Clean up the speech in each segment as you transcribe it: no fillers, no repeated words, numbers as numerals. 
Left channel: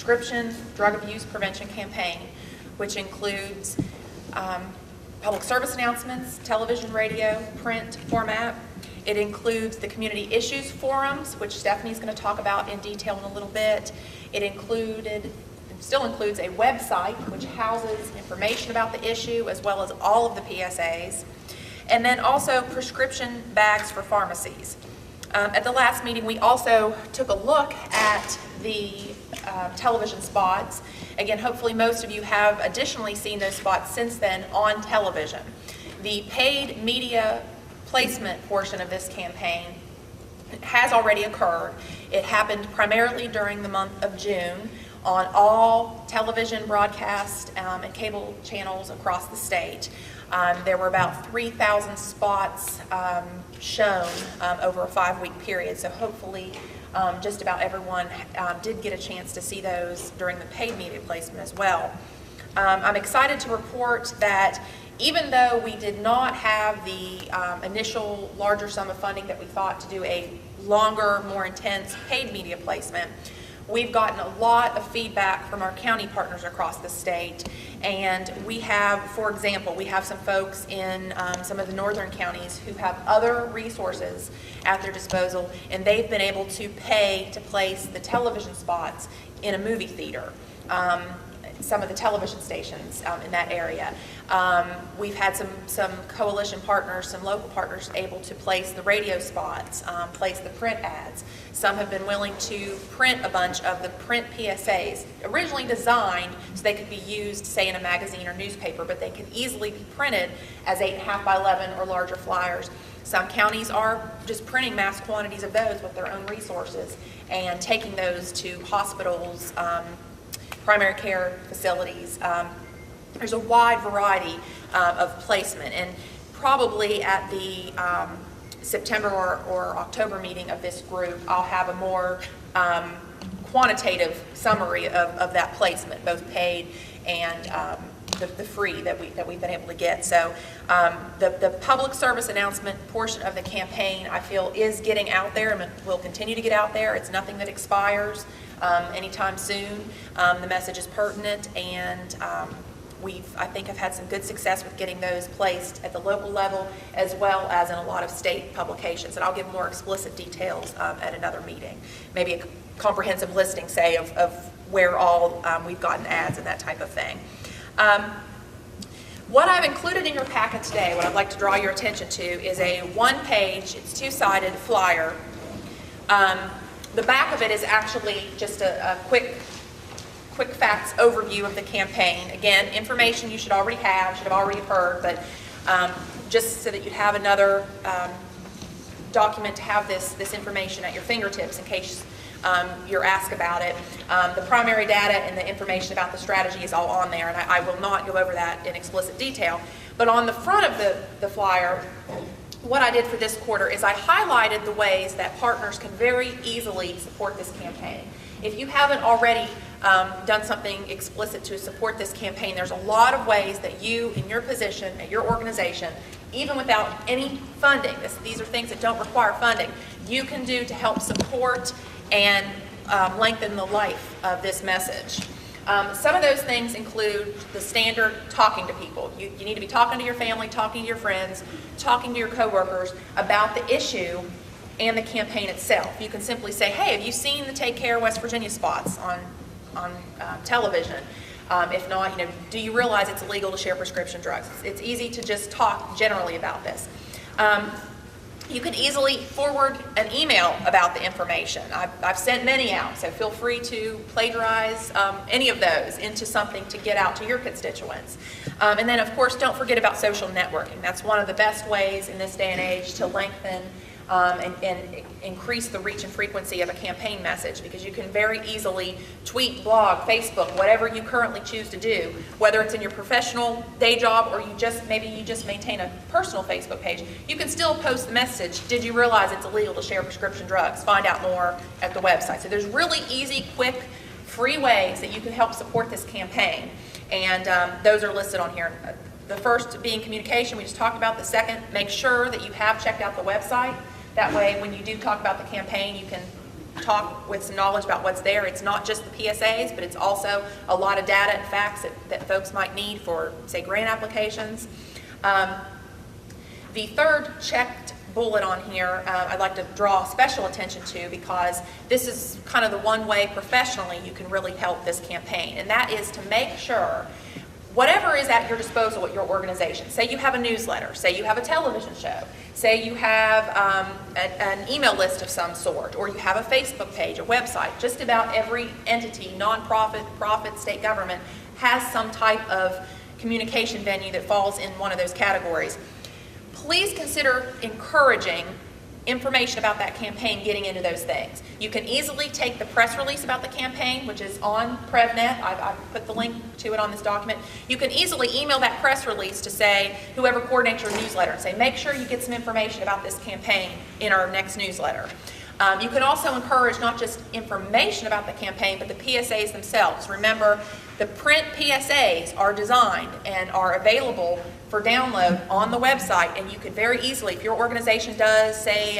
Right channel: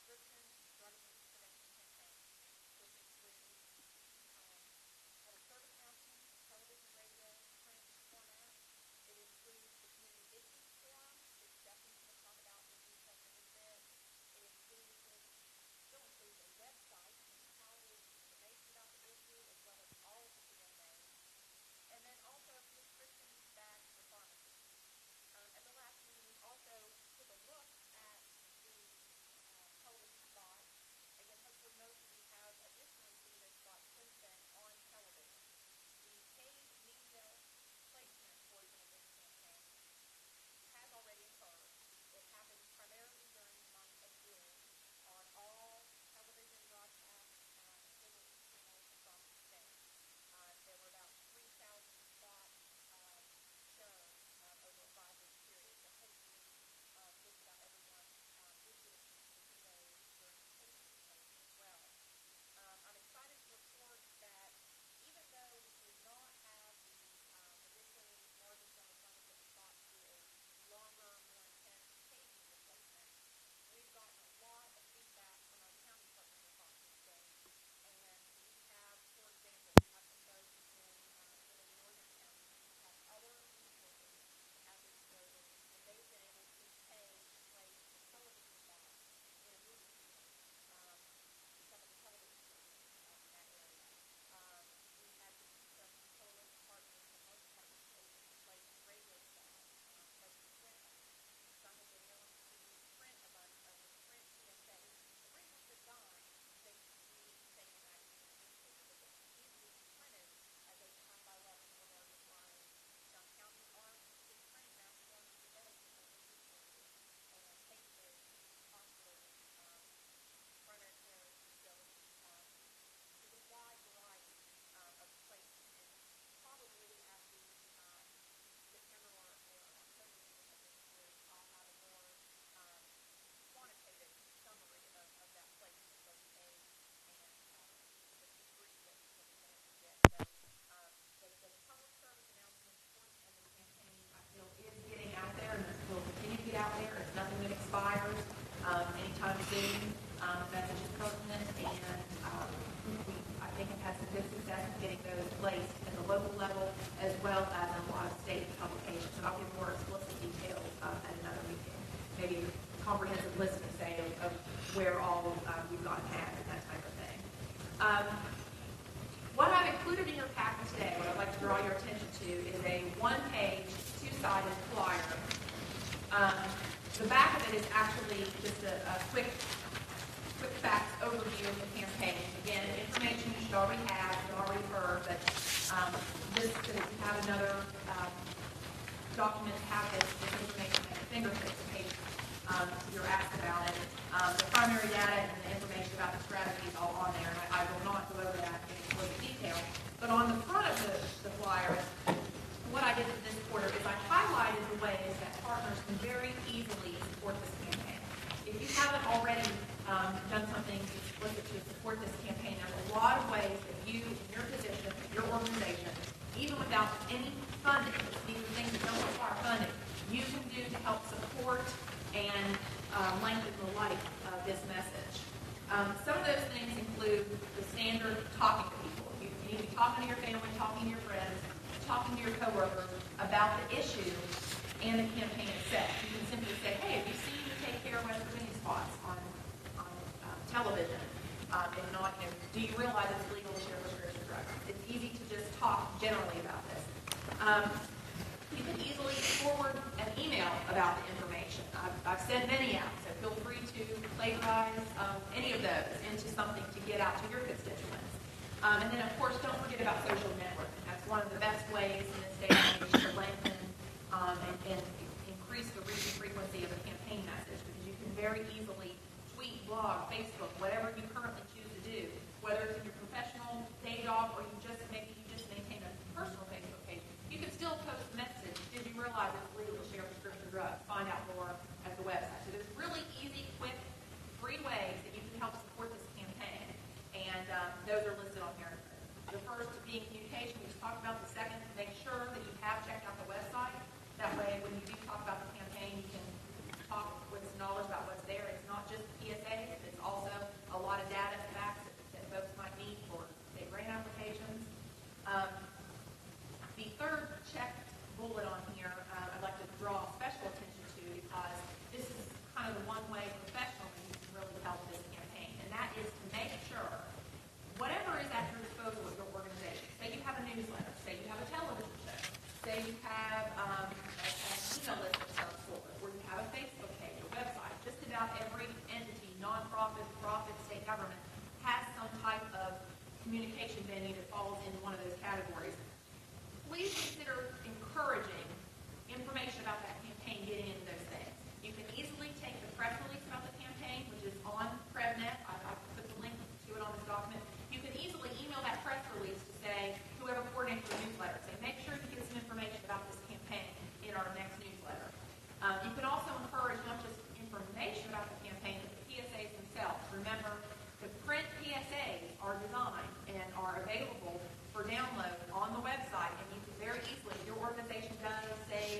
prescription drug abuse prevention campaign, which includes public service announcements, television, radio, print format. It includes the community issues forums, which Stephanie's going to talk about in detail in a little bit. It still includes a website which houses information about the issue as well as all of the PSAs. And then also prescription bags for pharmacies. At the last meeting, we also took a look at the television spots. Again, hopefully most of you have additionally seen those spots since then on television. The paid media placement portion of this campaign has already occurred. It happened primarily during the month of June on all television broadcast and cable channels across the state. There were about 3,000 spots shown over a 5-week period, so hopefully just about everyone did get a chance to see those during the paid media placement as well. I'm excited to report that even though we did not have the initial larger sum of funding that we thought to do a longer, more intense paid media placement, we've gotten a lot of feedback from our county partners across the state. And we have, for example, we have some folks in some of the northern counties who have other resources at their disposal, and they've been able to pay to place the television spots in a movie theater. Some of the television stations in that area. We've had some coalition partners, some local partners able to place the radio spots, place the print ads. Some have been willing to print a bunch of the print PSAs, originally designed so they could be used, say, in a magazine or newspaper, but they can easily be printed as 8.5 by 11 or larger flyers. Some counties are just printing mass quantities of those with their own resources and taking those to hospitals, primary care facilities. There's a wide variety of placement, and probably at the September or October meeting of this group, I'll have a more quantitative summary of that placement, both paid and the free that we've been able to get. So the public service announcement portion of the campaign, I feel, is getting out there and will continue to get out there. It's nothing that expires anytime soon. The message is pertinent, and I think have had some good success with getting those placed at the local level as well as in a lot of state publications. And I'll give more explicit details at another meeting. Maybe a comprehensive listing, say, of where all we've gotten ads and that type of thing. What I've included in your packet today, what I'd like to draw your attention to, is a one-page, it's two-sided flyer. The back of it is actually just a quick facts overview of the campaign. Again, information you should already have, should have already heard, but just so that you'd have another document to have this information at your fingertips in case you're asked about it. The primary data and the information about the strategy is all on there, and I will not go over that in explicit detail. But on the front of the flyer, what I did for this quarter is I highlighted the ways that partners can very easily support this campaign. If you haven't already done something explicit to support this campaign, there's a lot of ways that you, in your position, at your organization, even without any funding, these are things that don't require funding, you can do to help support and lengthen the life of this message. Some of those things include the standard talking to people. You need to be talking to your family, talking to your friends, talking to your coworkers about the issue and the campaign itself. You can simply say, hey, have you seen the Take Care West Virginia spots on television? If not, do you realize it's illegal to share prescription drugs? It's easy to just talk generally about this. You can easily forward an email about the information. I've sent many out, so feel free to plagiarize any of those into something to get out to your constituents. And then, of course, don't forget about social networking. That's one of the best ways in this day and age to lengthen and increase the reach and frequency of a campaign message, because you can very easily tweet, blog, Facebook, whatever you currently choose to do, whether it's in your professional day job or maybe you just maintain a personal Facebook page. You can still post the message, did you realize it's illegal to share prescription drugs? Find out more at the website. So there's really easy, quick, free ways that you can help support this campaign, and those are listed on here. The first being communication, we just talked about. The second, make sure that you have checked out the website. That way, when you do talk about the campaign, you can talk with some knowledge about what's there. It's not just the PSAs, but it's also a lot of data and facts that folks might need for, say, grant applications. The third checked bullet on here I'd like to draw special attention to, because this is kind of the one way professionally you can really help this campaign, and that is to make sure whatever is at your disposal at your organization. Say you have a newsletter, say you have a television show, say you have an email list of some sort, or you have a Facebook page, a website. Just about every entity, nonprofit, profit, state government, has some type of communication venue that falls in one of those categories. Please consider encouraging information about that campaign getting into those things. You can easily take the press release about the campaign, which is on PrevNet. I've put the link to it on this document. You can easily email that press release to say, whoever coordinates your newsletter, and say, make sure you get some information about this campaign in our next newsletter. You can also encourage not just information about the campaign, but the PSAs themselves. Remember, the print PSAs are designed and are available for download on the website, and you could very easily, if your organization does, say,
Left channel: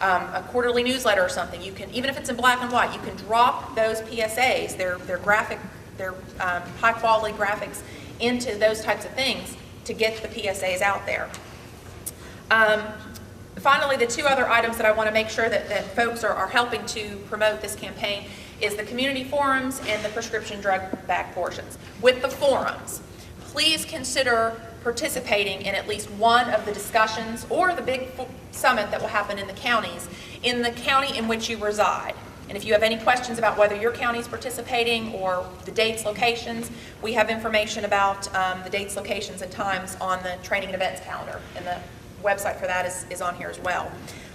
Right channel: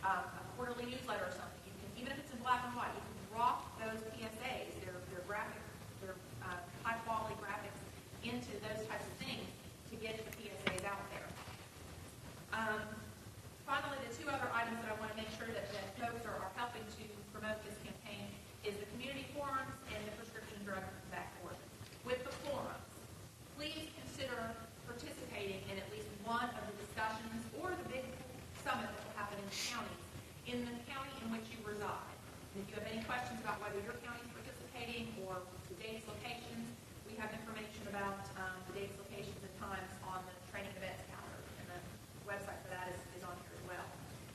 a quarterly newsletter or something, you can, even if it's in black and white, you can drop those PSAs, their high quality graphics, into those types of things to get the PSAs out there. Finally, the two other items that I want to make sure that folks are helping to promote this campaign is the community forums and the prescription drug bag portions. With the forums, please consider participating in at least one of the discussions or the big summit that will happen in the counties, in the county in which you reside. And if you have any questions about whether your county is participating or the dates, locations, we have information about the dates, locations, and times on the training and events calendar, and the website for that is on here as well.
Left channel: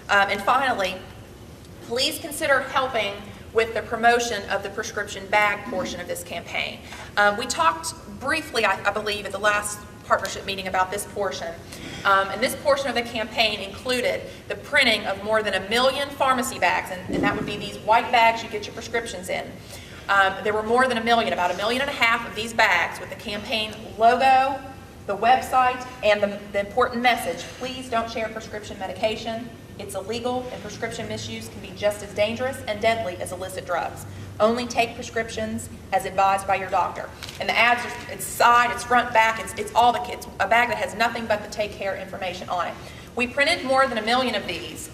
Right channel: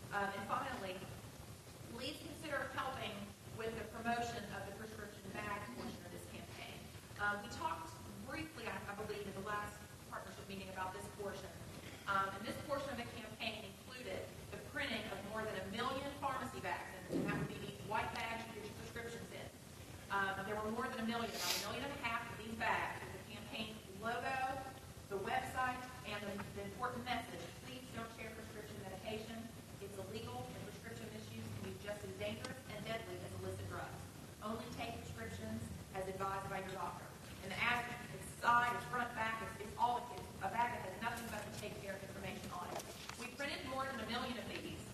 And finally, please consider helping with the promotion of the prescription bag portion of this campaign. We talked briefly, I believe, at the last partnership meeting about this portion. And this portion of the campaign included the printing of more than 1 million pharmacy bags, and that would be these white bags you get your prescriptions in. There were more than 1 million, about 1.5 million of these bags with the campaign logo, the website, and the important message: please don't share prescription medication. It's illegal, and prescription misuse can be just as dangerous and deadly as illicit drugs. Only take prescriptions as advised by your doctor. And the ads, it's side, it's front, back, it's a bag that has nothing but the take care information on it. We printed more than 1 million of these,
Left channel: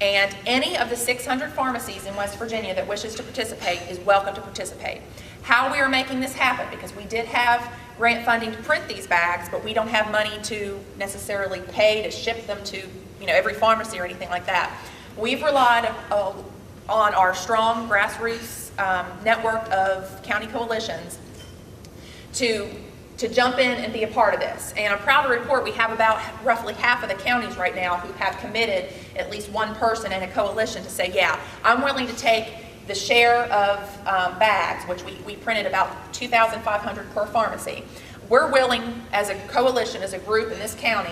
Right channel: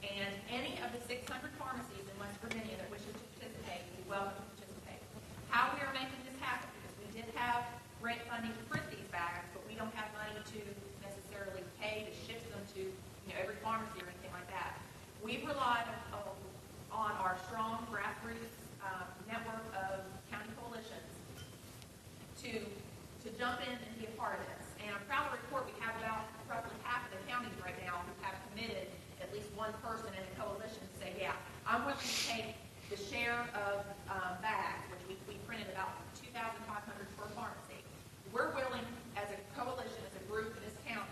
and any of the 600 pharmacies in West Virginia that wishes to participate is welcome to participate. How we are making this happen, because we did have grant funding to print these bags, but we don't have money to necessarily pay to ship them to every pharmacy or anything like that. We've relied on our strong grassroots network of county coalitions to jump in and be a part of this. And I'm proud to report we have about roughly half of the counties right now who have committed at least one person in a coalition to say, yeah, I'm willing to take the share of bags, which we printed about 2,500 per pharmacy. We're willing, as a coalition, as a group in this county,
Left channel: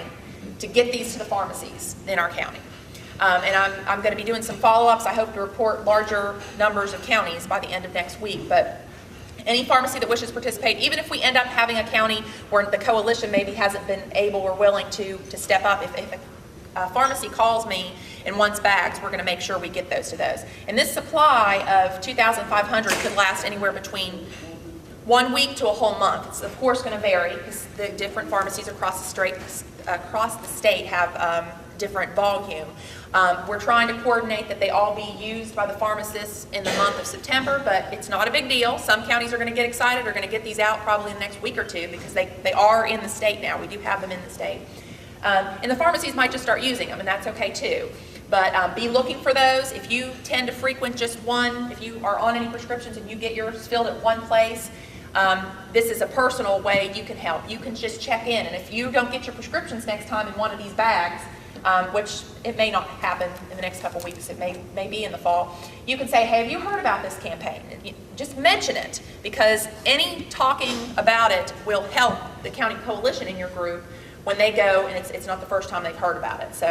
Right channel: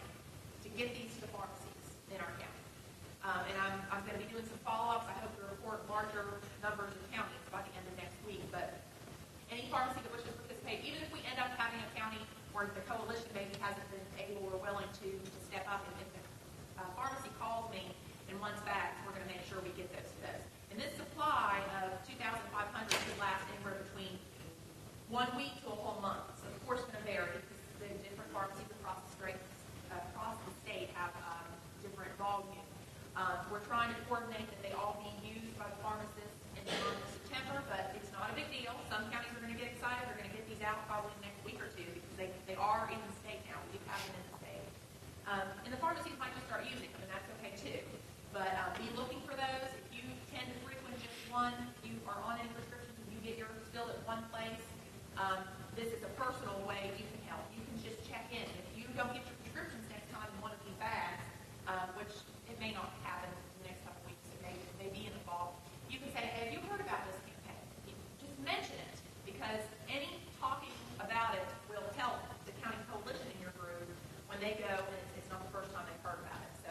to get these to the pharmacies in our county. And I'm going to be doing some follow-ups. I hope to report larger numbers of counties by the end of next week. But any pharmacy that wishes to participate, even if we end up having a county where the coalition maybe hasn't been able or willing to step up, if a pharmacy calls me and wants bags, we're going to make sure we get those to those. And this supply of 2,500 could last anywhere between 1 week to a whole month. It's of course going to vary because the different pharmacies across the state have different volume. We're trying to coordinate that they all be used by the pharmacists in the month of September, but it's not a big deal. Some counties are going to get excited, are going to get these out probably in the next week or two because they are in the state now. We do have them in the state. And the pharmacies might just start using them, and that's okay too. But be looking for those. If you tend to frequent just one, if you are on any prescriptions and you get yours filled at one place, this is a personal way you can help. You can just check in, and if you don't get your prescriptions next time in one of these bags, which it may not happen in the next couple of weeks, it may be in the fall, you can say, hey, have you heard about this campaign? Just mention it, because any talking about it will help the county coalition in your group when they go, and it's not the first time they've heard about it. So